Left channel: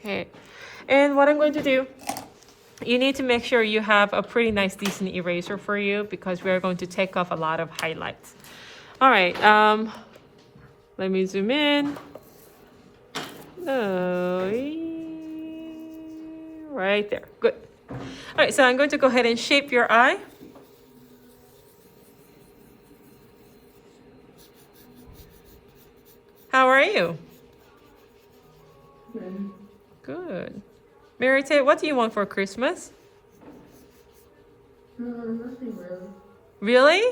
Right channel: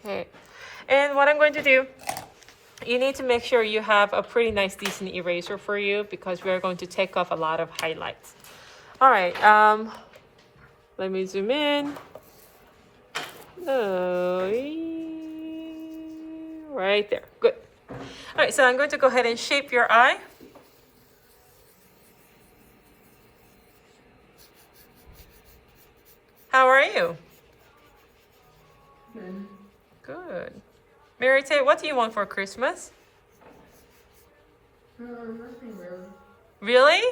Okay. And what I'm going to do, you need to make sure you have a pretty nice, decent eraser for you because we're going to take off a lot of highlights. All right. Let me zoom in. Right there. Good. All right. So I'm going to go ahead and shape your eye. How are you? Good. Good. Merete, what do you want for Christmas? Nothing real. Really?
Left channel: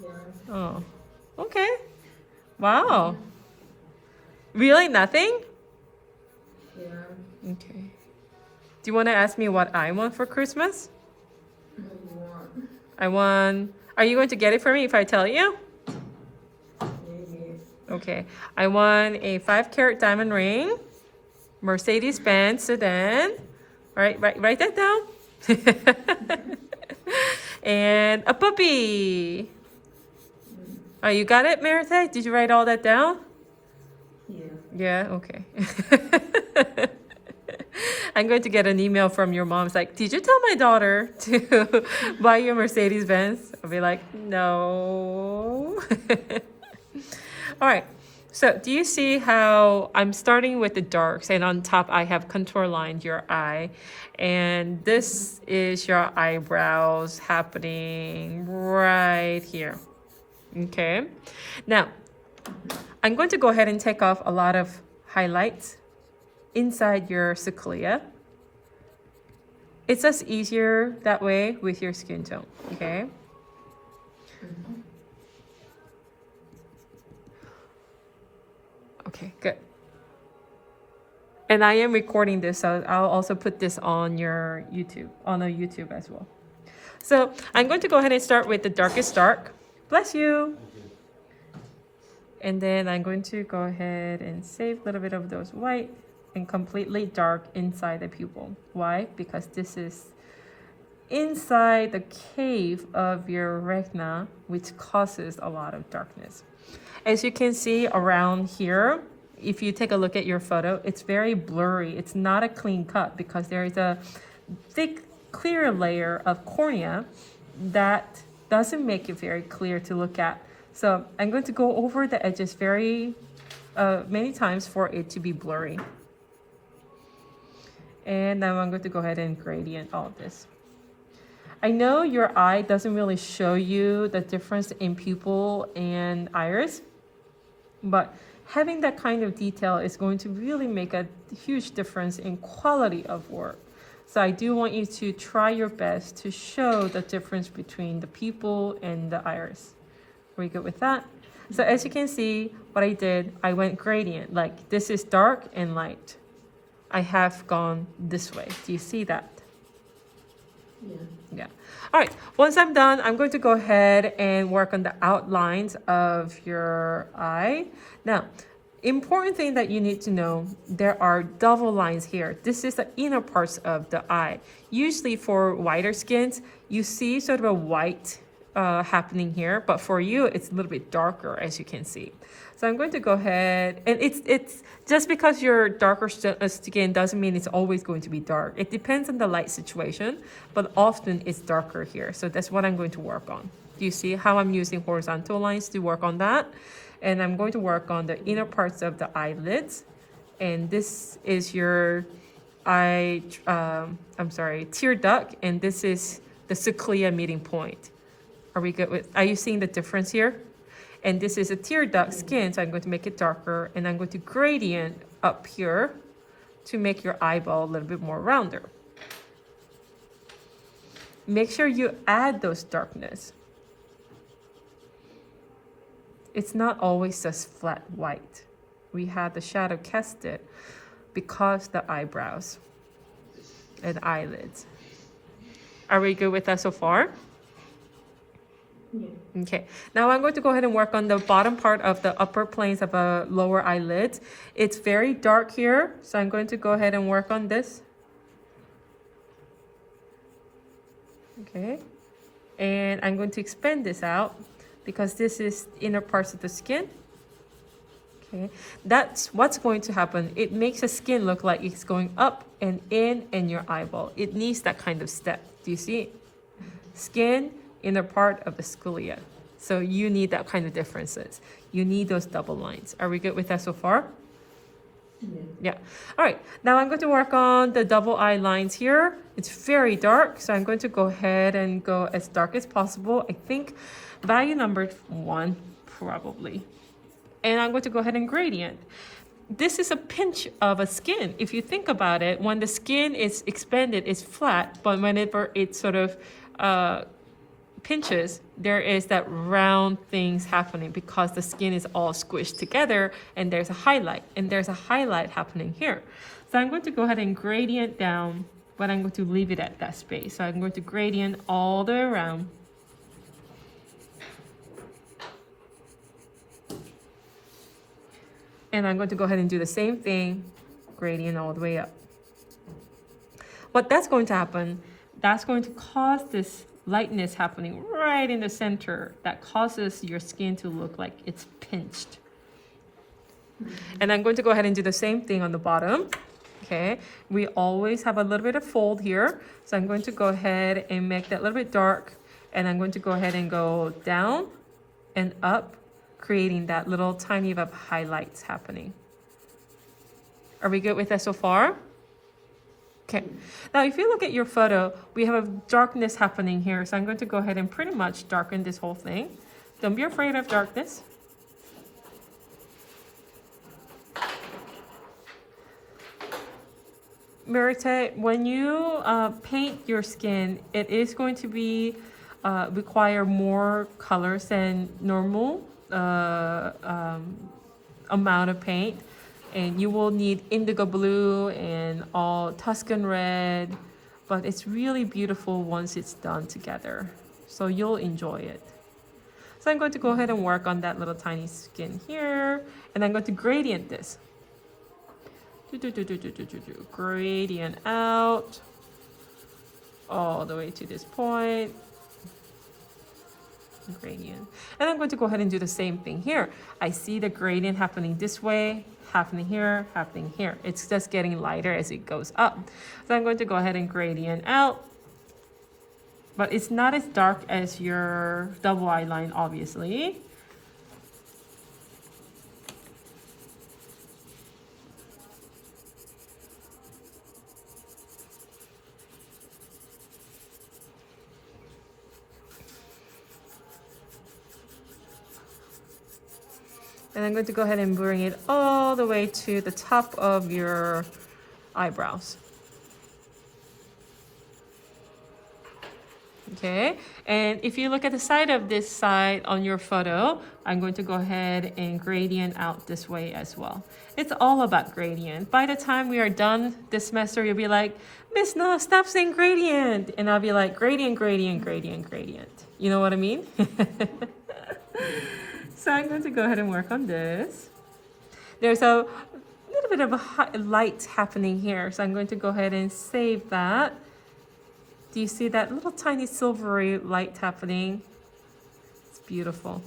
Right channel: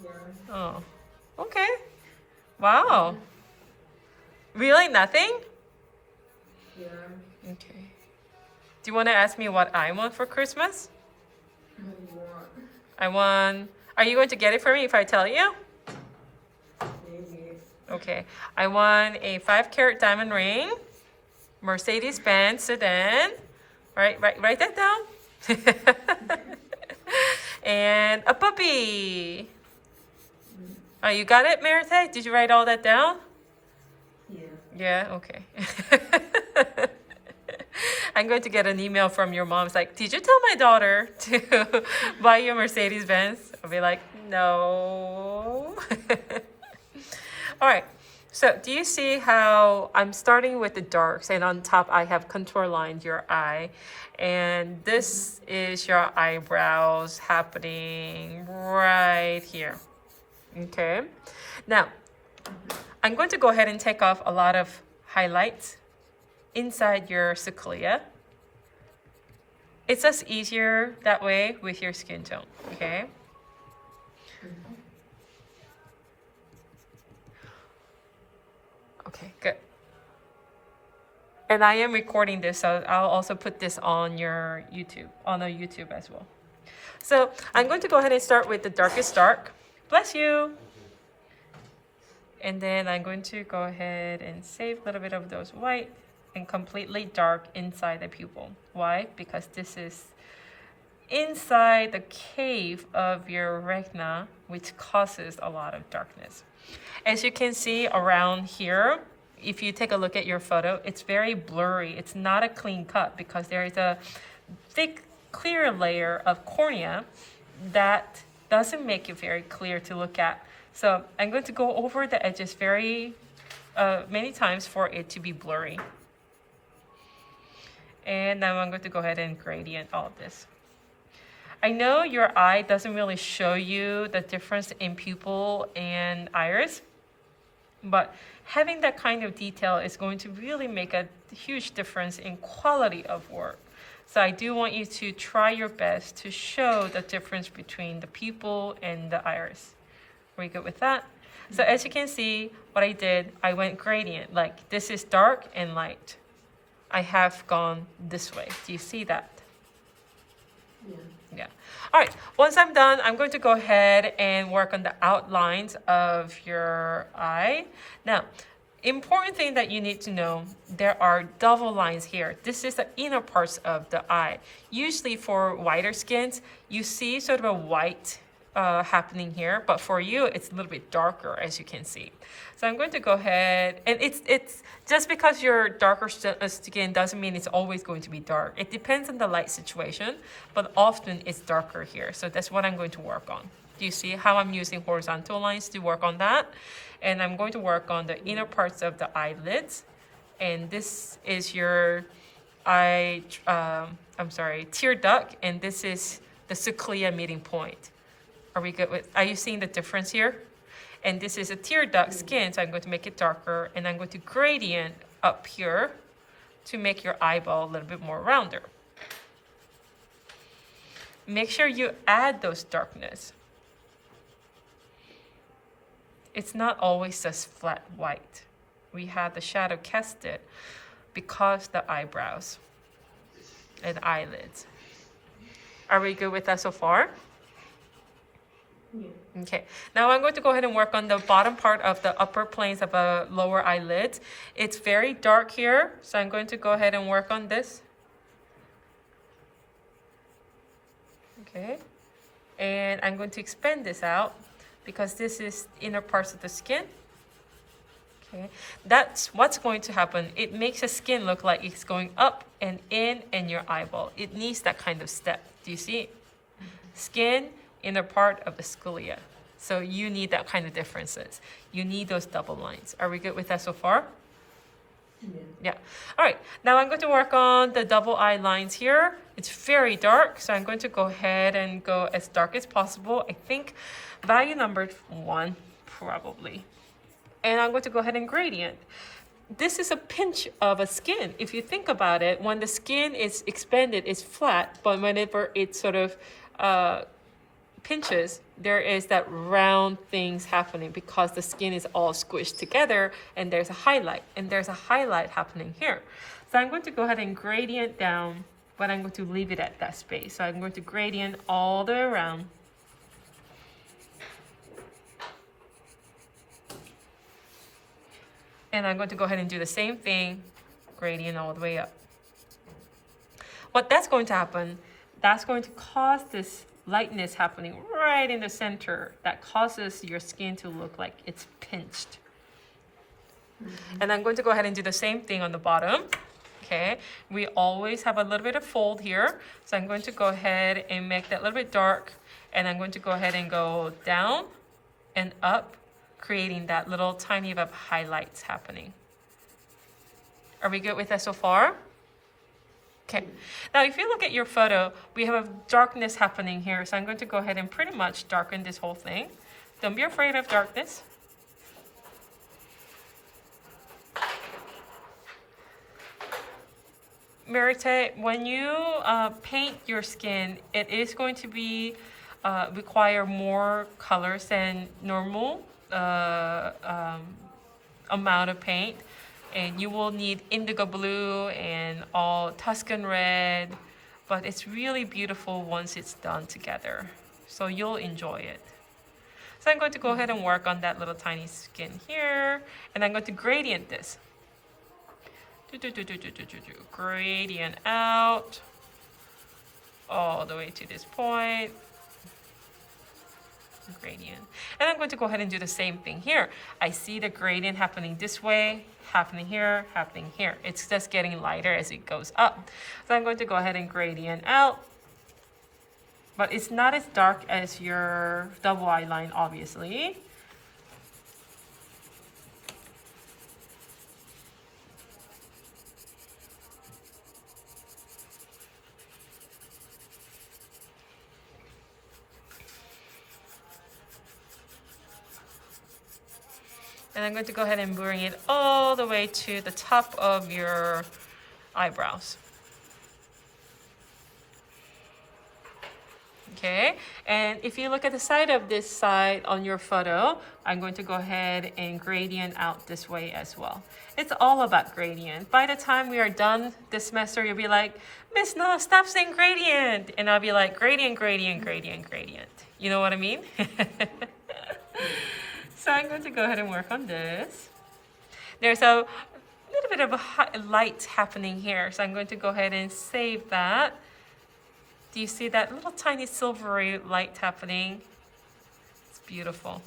Yeah. Oh, okay. Wow. Really nothing? Yeah. Okay. Do you want to ask me what I want for Christmas? Maybe not. I want... Are you going to get it for me if I tell you? Maybe. Okay. I want a 5-carat diamond ring, Mercedes-Benz sedan. Write that down. And a puppy. Oh, you got it, Merete? Did you write all that down? Yeah. Yeah, okay. I'm going to get an email from your mom. It's like, did you tell my daughter to buy you a Mercedes-Benz? I'll be like, no. All right. So do you see how I'm starting with the darks and on top I have contour lined your eye, and this is your eyebrows happening right here. Okay. Now, I'm going to go ahead and take off a lot of highlights inside your cochlea. It's just easier that way with your skin tone, okay? Okay, good. And I am recording this, so I'll also put this on your YouTube, on a YouTube as well. So I'm going to go ahead and start with the darkest dark. Bless you. And then I'm going to go ahead and save a little bit of those white and completely dark inside the pupil. Why? Because this is inside the cave of your retina, which causes a lot of darkness. As you can see around here, if you take a look at your photo, it's very blurry. It's not a clean cut because there is a thick, clear layer of cornea that doesn't make it very clear to look at. So I'm going to go over the edges very many times for it to be blurry. And now I'm going to go ahead and gradient all of this. I know your eye doesn't really show you the difference in pupil and iris, but having that kind of detail is going to really make a huge difference in quality of work. So I do want you to try your best to show the difference between the pupil and the iris. Are we good with that? So as you can see, what I did, I went gradient, like this is dark and light. I have gone this way. Do you see that? Yeah. Yeah. All right. Once I'm done, I'm going to go ahead and work on the outlines of your eye. Now, important thing that you need to know, there are double lines here. This is the inner parts of the eye. Usually for whiter skins, you see sort of a white happening here, but for you, it's a little bit darker, as you can see. So I'm going to go ahead, and it's just because you're darker skin doesn't mean it's always going to be dark. It depends on the light situation, but often it's darker here. So that's what I'm going to work on. Do you see how I'm using horizontal lines to work on that? And I'm going to work on the inner parts of the eyelids. And this is your tear duct, and this is the cochlea meeting point. Are we good with, are you seeing the difference here? And this is a tear duct skin, so I'm going to make it darker, and I'm going to gradient up here to make your eyeball a little bit more rounder. Make sure you add those darkness. It's not always just flat white. We have the shadow casted because the eyebrows and eyelids. Are we good with that so far? Yeah. Okay, now I'm going to go ahead and work on the bottom part of the upper planes of a lower eyelid. It's very dark here, so I'm going to go ahead and work on this. Okay, and I'm going to expand this out because this is inner parts of the skin. Okay, that's what's going to happen. It makes the skin look like it's going up and in your eyeball. It needs that kind of step. Do you see? Skin, inner part of the sclea. So you need that kind of differences. You need those double lines. Are we good with that so far? Yeah. All right. Now I'm going to work on the double eye lines here. It's very dark, so I'm going to go ahead and go as dark as possible. I think value number 1, probably. And I'm going to go ahead and gradient. This is a pinch of a skin. If you think about it, when the skin is expanded, it's flat, but whenever it sort of pinches, there is that round things happening because the skin is all squished together and there's a highlight, and there's a highlight happening here. So I'm going to go ahead and gradient down, but I'm going to leave it at that space. So I'm going to gradient all the way around. And I'm going to go ahead and do the same thing, gradient all the way up. What that's going to happen, that's going to cause this lightness happening right in the center that causes your skin to look like it's pinched. And I'm going to go ahead and do the same thing on the bottom. Okay, we always have a little bit of fold here. So I'm going to go ahead and make that a little bit dark. And I'm going to go ahead and go down and up, creating that little tiny bit of highlights happening. Are we good with that so far? Okay, now if you look at your photo, we have a darkness happening here. So I'm going to go ahead and pretty much darken this whole thing. Don't be afraid of darkness. Merete, when you paint your skin, it is going to be require more colors than normal amount of paint, and you will need indigo blue and all Tuscan red, but it's really beautiful once it's done together, so you'll enjoy it. So I'm going to go ahead and work on that little tiny skin here, and I'm going to gradient this. Gradient out all the way to this point. Gradient. And I'm going to go ahead and do the same thing here. I see the gradient happening this way, happening here, happening here. It's just getting lighter as it goes up. So I'm going to go ahead and gradient out. But it's not as dark as your double eye line, obviously. And I'm going to go ahead and bring it all the way to the top of your eyebrows. Okay, and if you look at the side of this side on your photo, I'm going to go ahead and gradient out this way as well. It's all about gradient. By the time we are done this semester, you'll be like, Miss, no, stop saying gradient. And I'll be like, gradient, gradient, gradient, gradient. You know what I mean? So I'm going to go ahead and work on this. There's a little bit of a light happening here, so I'm going to go ahead and save that. Do you see that little tiny silvery light happening? It's beautiful.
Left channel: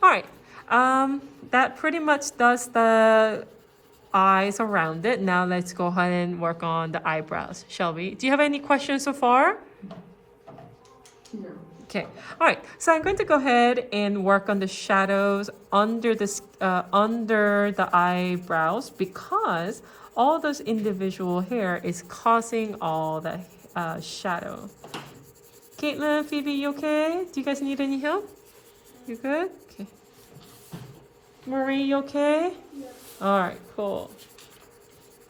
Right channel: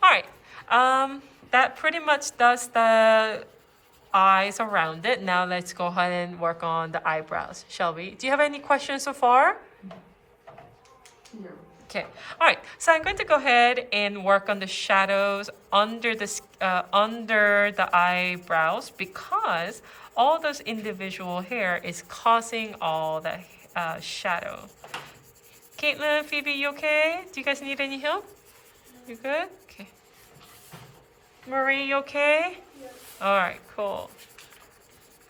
All right, that pretty much does the eyes around it. Now let's go ahead and work on the eyebrows, shall we? Do you have any questions so far? No. Okay, all right, so I'm going to go ahead and work on the shadows under the eyebrows, because all those individual hair is causing all the shadow. Caitlin, Phoebe, you okay? Do you guys need any help? You good? Okay. Marie, you okay? All right, cool.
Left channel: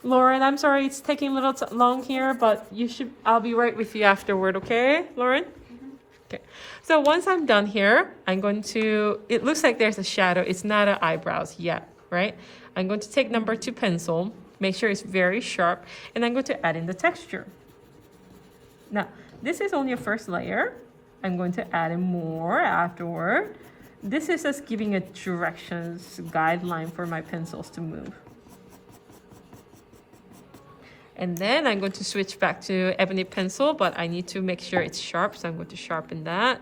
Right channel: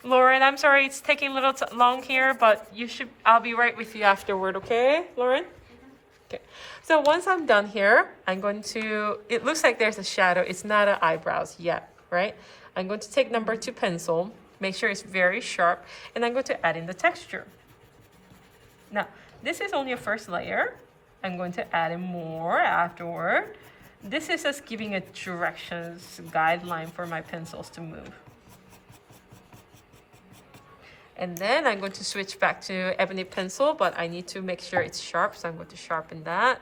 Lauren, I'm sorry it's taking a little long here, but I'll be right with you afterward, okay, Lauren? So once I'm done here, I'm going to, it looks like there's a shadow. It's not an eyebrows yet, right? I'm going to take number 2 pencil, make sure it's very sharp, and I'm going to add in the texture. Now, this is only a first layer. I'm going to add in more afterward. This is just giving a directions guideline for my pencils to move. And then I'm going to switch back to ebony pencil, but I need to make sure it's sharp, so I'm going to sharpen that.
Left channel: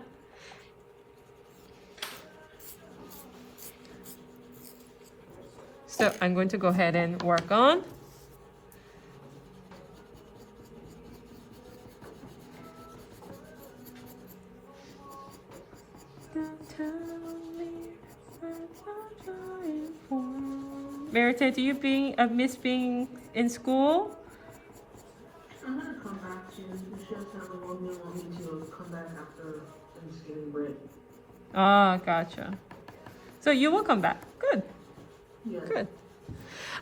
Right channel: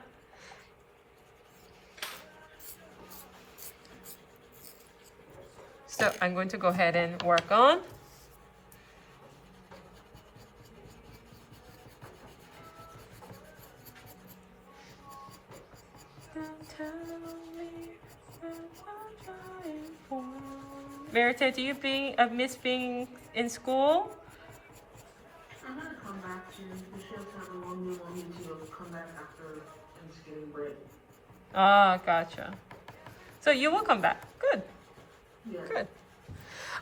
So I'm going to go ahead and work on. Don't tell me what I'm trying for. Merete, do you miss being in school? I'm gonna come back to the shift and I need to come back after Thanksgiving break. Ah, gotcha. So you will come back. Good. Yeah. Good.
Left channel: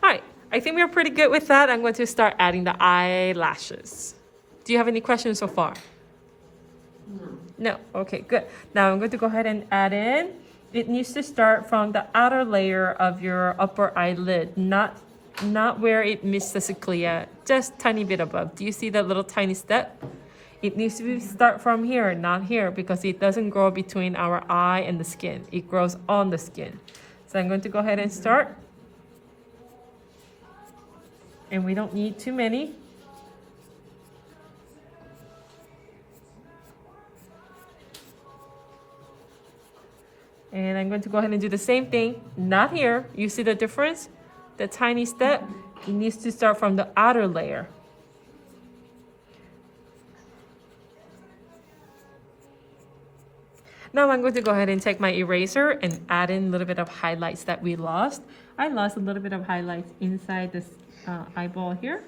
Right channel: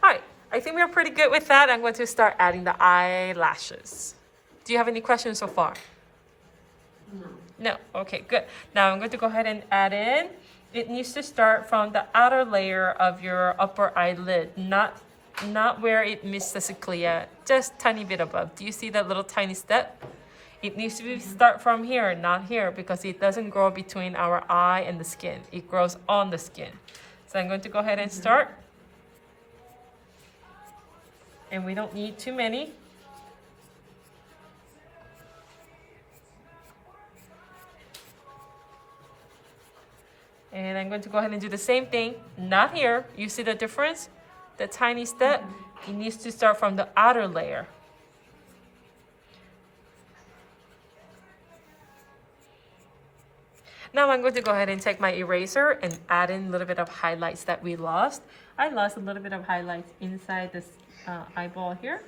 All right. I think we're pretty good with that. I'm going to start adding the eyelashes. Do you have any questions so far? No. No. Okay, good. Now I'm going to go ahead and add in. It needs to start from the outer layer of your upper eyelid, not where it meets the cochlea, just tiny bit above. Do you see that little tiny step? It needs to start from here, not here, because it doesn't grow between our eye and the skin. It grows on the skin. So I'm going to go ahead and start. And we don't need too many. And I'm going to go ahead and do the same thing, not here. You see the difference? The tiny step, it needs to start from the outer layer. Now I'm going to go ahead and take my eraser and add in a little bit of highlights that we lost. I lost a little bit of highlights inside this eyeball here.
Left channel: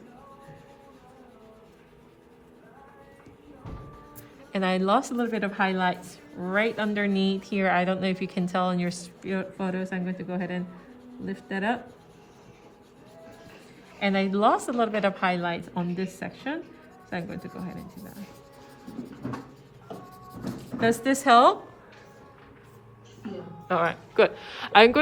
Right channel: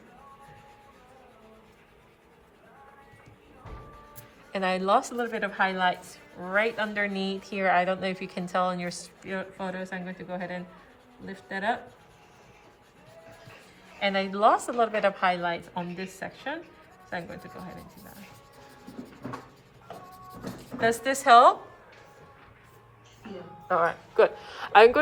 And I lost a little bit of highlights right underneath here. I don't know if you can tell on your photos. I'm going to go ahead and lift that up. And I lost a little bit of highlights on this section. So I'm going to go ahead and do that. Does this help? Yeah. All right, good. I'm going